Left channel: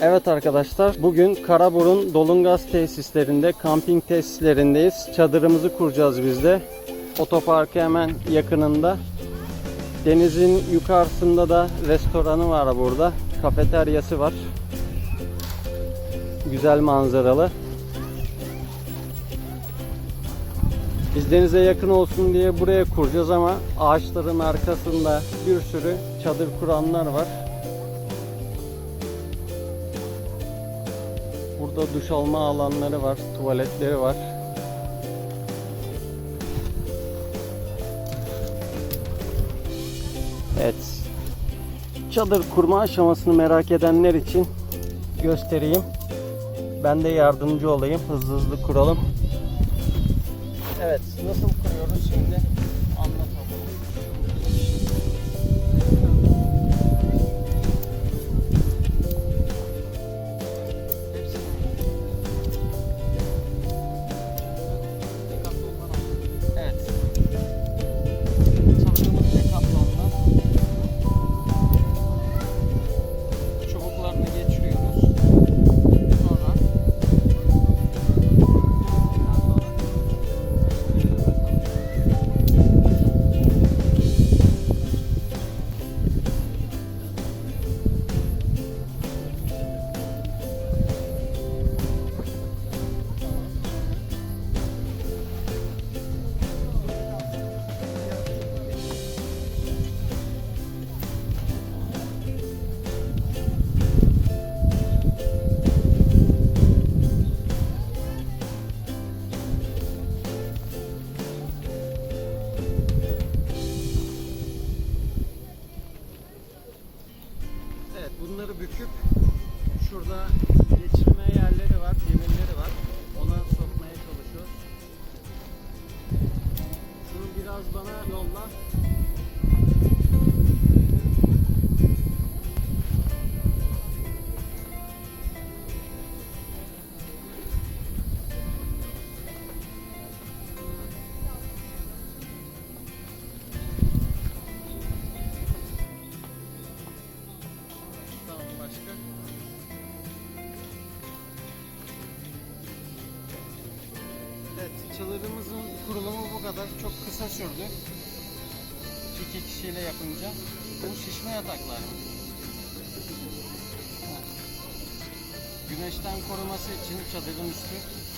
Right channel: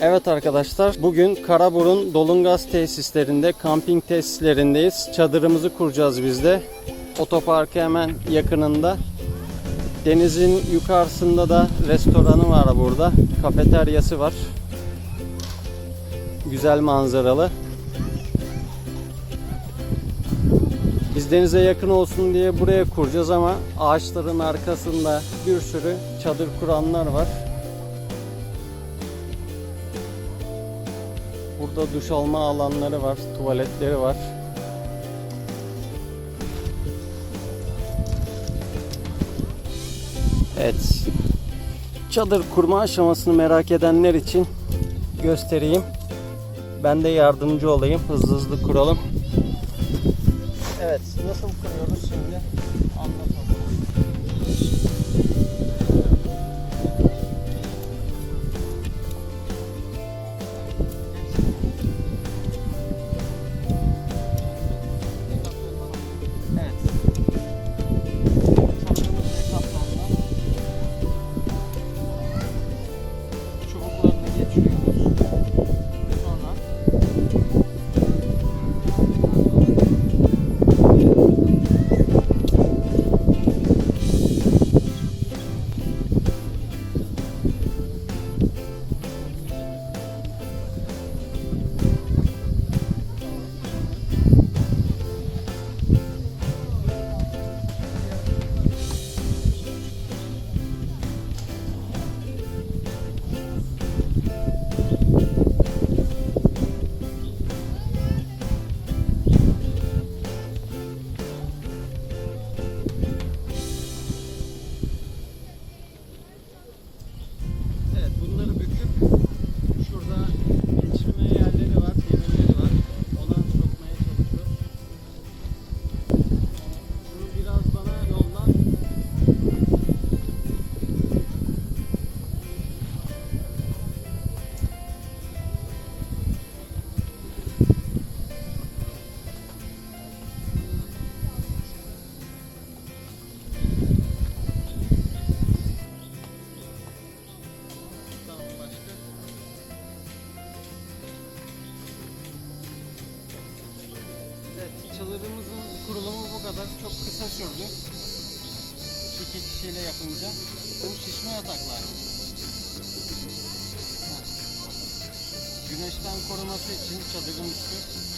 Evet arkadaşlar bugün Karaburun Dolungaz tesislerinde kamping tesislerindeyiz. Çadırımızı kuracağız biz de. Otoparkı hemen yakınında. Denizin yukarısında da restoranı var burada. Kafeteryası var. Güzel manzaralı. Denize yakın olsun diye buraya kuracağız ama ağaçların arkasında bir sürü çadır kuranlar var. Burada duş alma alanları var, tuvaletleri var. Evet. Çadır kurma aşamasını merak edenler için göstereyim. Ben de yardımcı olayım. Hızlı hızlı kuralım. Evet, nasıl kuruyoruz şimdi? Anlat İki kişiyle yapınca. Bu şişme yataklar. Güneşten koruması için çadırın üstü.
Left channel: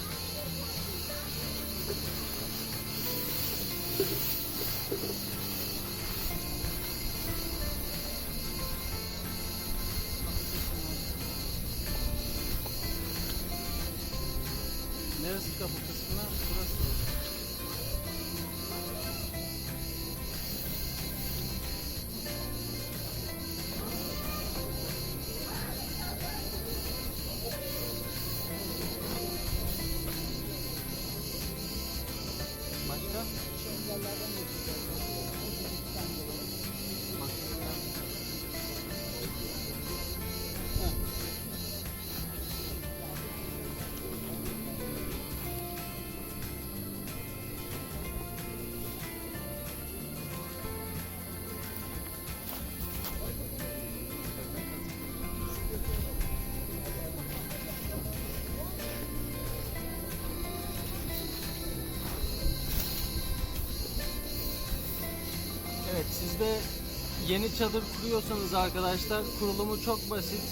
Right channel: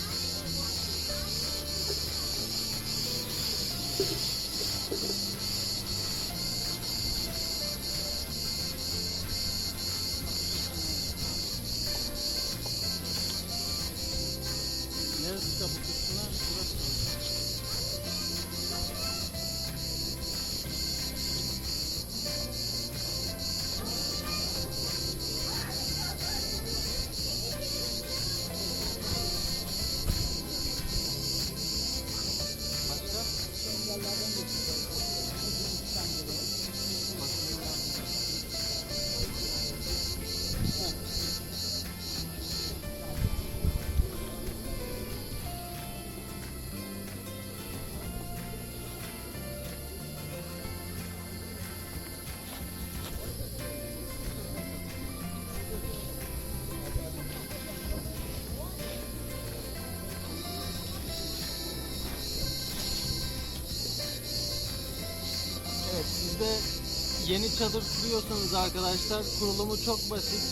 Siz yeni çadır kuruyorsanız arkadaşlar kurulumu çok basit.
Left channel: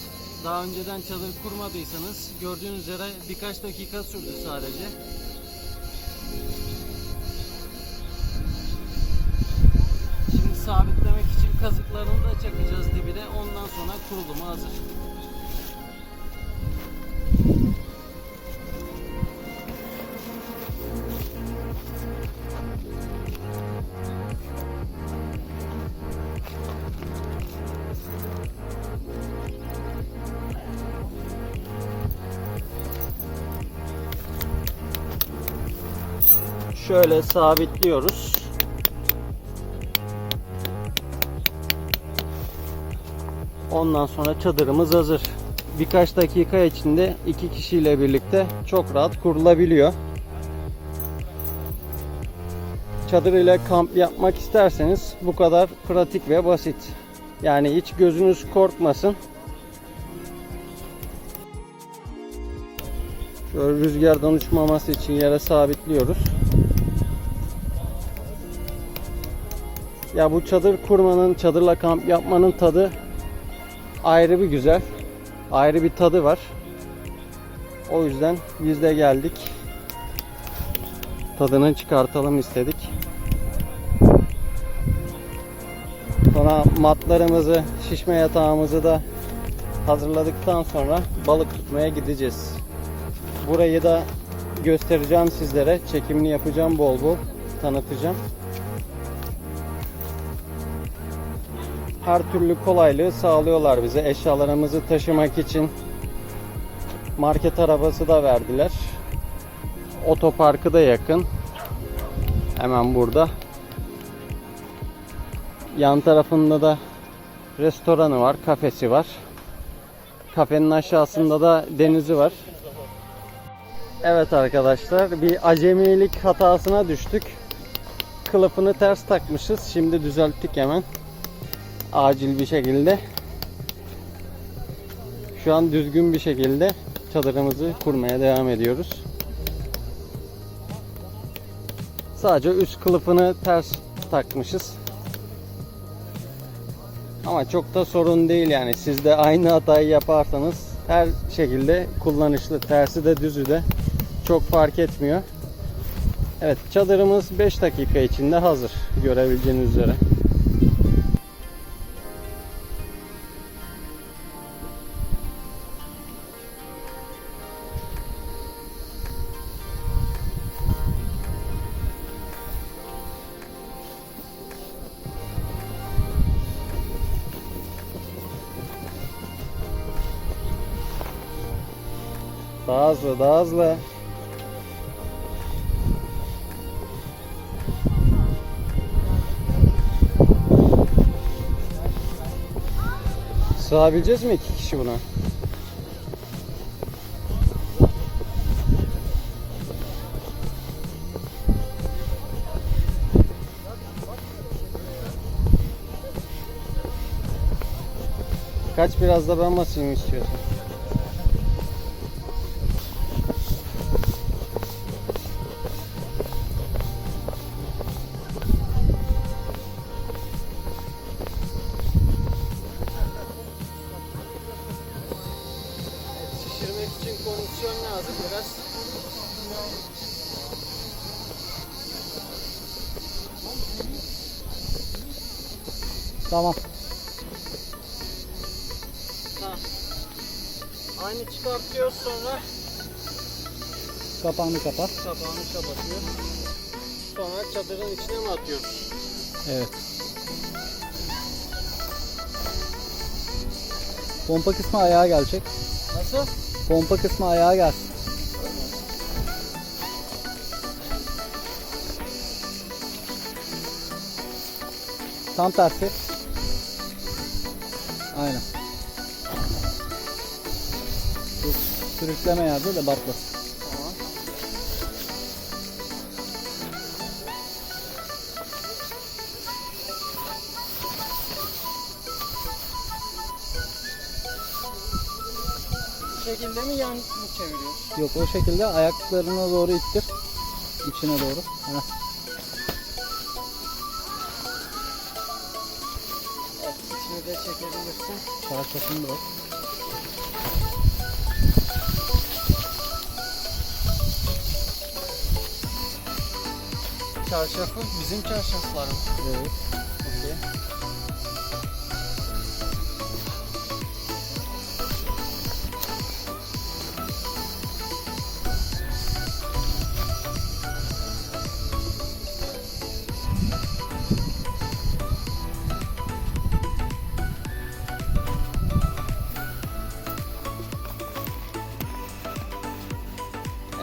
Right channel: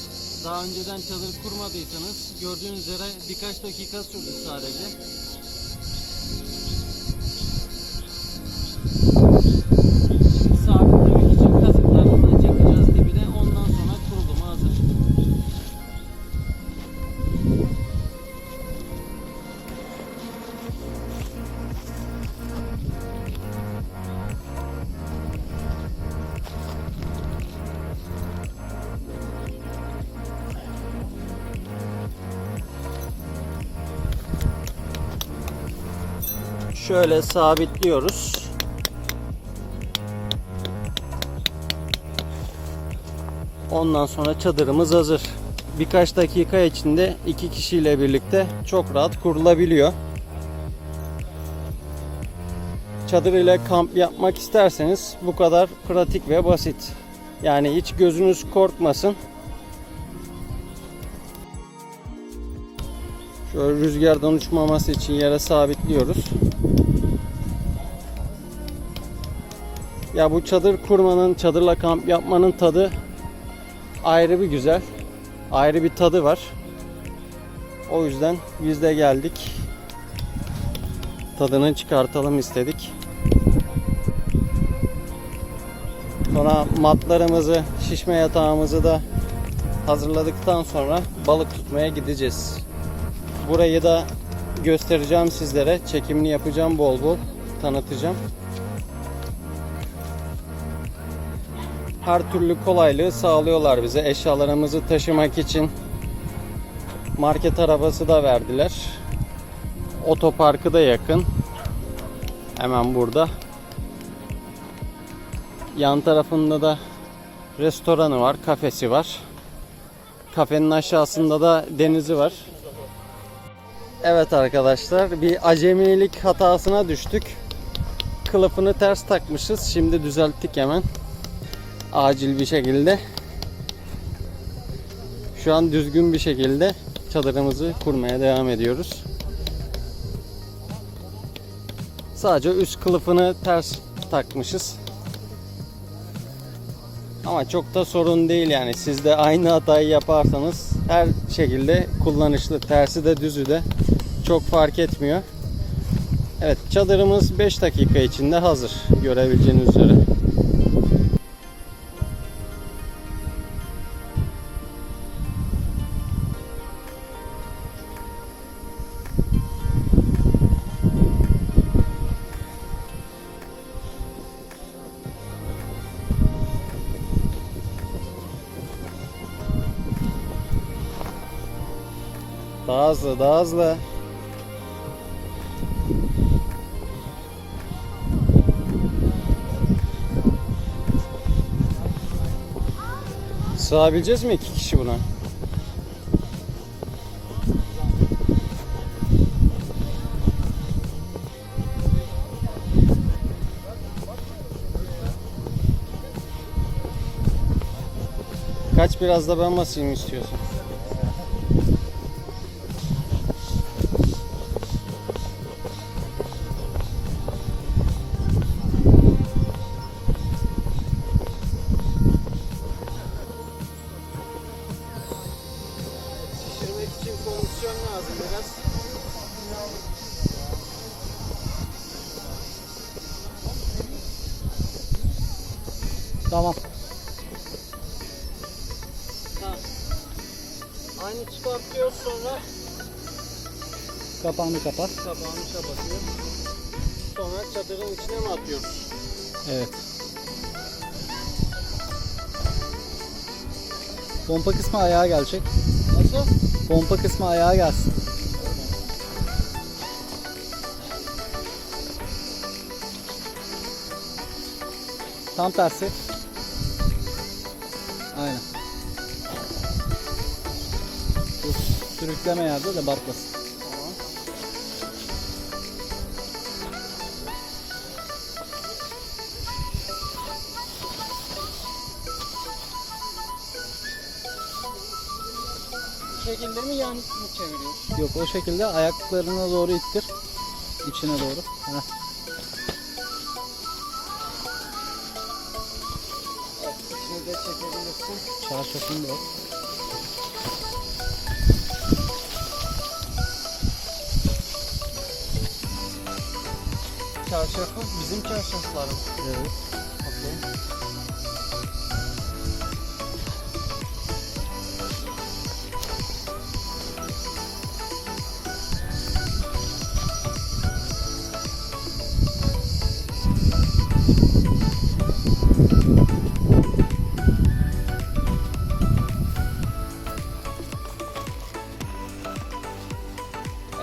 Daha önceden çadır kurmadıysanız gördüğünüz üzere birkaç dakika sürdü sadece. Şöyle sabitliyoruz. Ondan sonra çadırımız hazır. Birkaç dakika içinde iki kişiyle birlikte çok rahat kurulabiliyor. çadır ile kamp yapmak isterseniz bu kadar pratik ve basit. Yani hiç gözünüz korkmasın. Şöyle rüzgardan uçmaması için yere sabitliyoruz. Ya bu çadır kurmanın, çadırla kamp yapmanın tadı ayrı bir güzel. Ayrı bir tadı var. O yüzden biz de geldik. Tadını çıkartalım istedik. Sonra matlarımızı, şişme yatağımızı da hazırladıktan sonra balık tutmaya gideceğiz. Burayı da göstereceğim sizlere. Çekimini yapacağım bol bol. Tanıtacağım. Her türlü kolaylığı sağlıyorlar bize. Eşyalarımızı taşımak için market arabası da verdiler. Otoparkı da yakın. Hemen burada. Yan tarafında da restoranı var, kafesi var. Kafenin aşağısında da denizi var. Evet arkadaşlar bir acemilik hatasına düştük. Kılıfını ters takmışız. Şimdi düzelttik hemen. Acil bir şekilde. Şu an düzgün bir şekilde çadırımızı kurmaya devam ediyoruz. Sadece üst kılıfını ters takmışız. Ama çok da sorun değil yani. Siz de aynı hatayı yaparsanız her şekilde kullanışlı. Tersi de düzü de çok fark etmiyor. Evet çadırımız 5 dakika içinde hazır. Görebileceğiniz üzere. Daha hızlı, daha hızlı. Sığabileceğiz mi iki kişi buna? Kaç biraz da ben basayım istiyorsan. Kondisyon lazım biraz. Tamam. Ha. Aynı çıkartıyoruz sonra Kapağını kapat. kapağını kapatıyor. Sonra çadırın içine mi atıyoruz? Evet. Pompa kısmı ayağa gelecek. Nasıl? Pompa kısmı ayağa gelsin. Tam tersi. Aynen. Sürükleme yerde de batmasın. Şekilde mi yan mı çeviriyoruz? Yok o şekilde ayaklarına doğru ittir. İçine doğru. Heh. Evet, içini de çekebilirsin. Çarşafını da ört. Çarşafı bizim çarşaflar mı? Evet. Okey.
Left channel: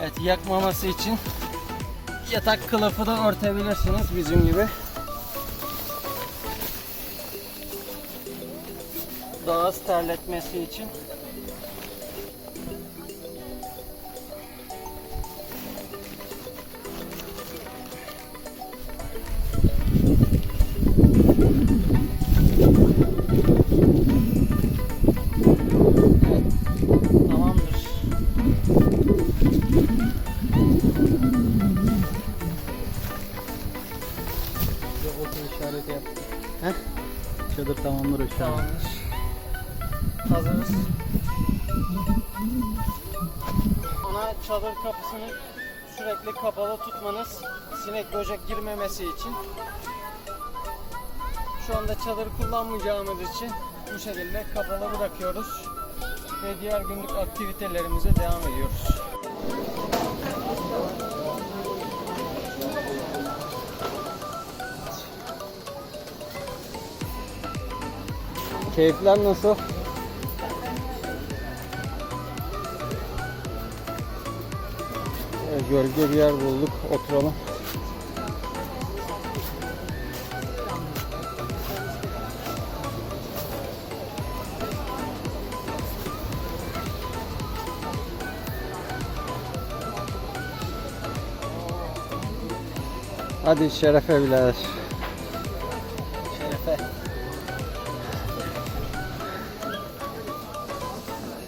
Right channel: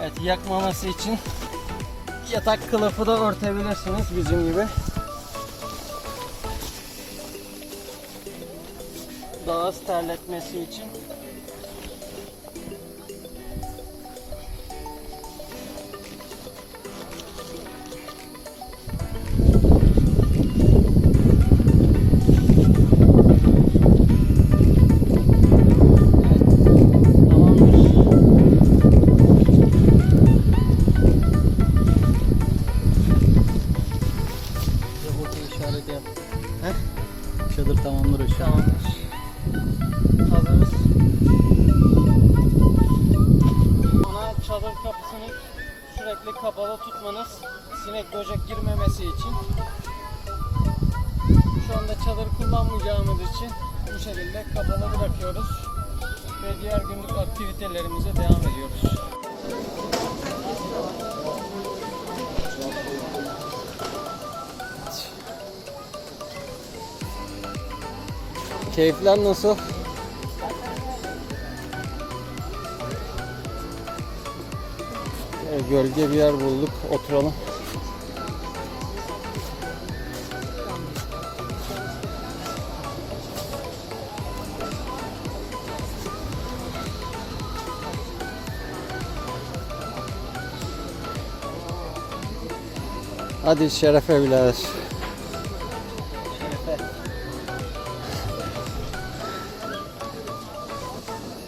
Evet yakmaması için yatak kılıfı da örtebilirsiniz bizim gibi. Daha az terletmesi için. Tamamdır an. Tamamdır. Hazırız. Ana çadır kapısını sürekli kapalı tutmanız sinek böcek girmemesi için. Şu anda çadır kullanmayacağımız için bu şekilde kapalı bırakıyoruz ve diğer günlük aktivitelerimize devam ediyoruz. Keyifler nasıl? Gölge bir yer bulduk. Oturalım. Hadi şerefe. Şerefe.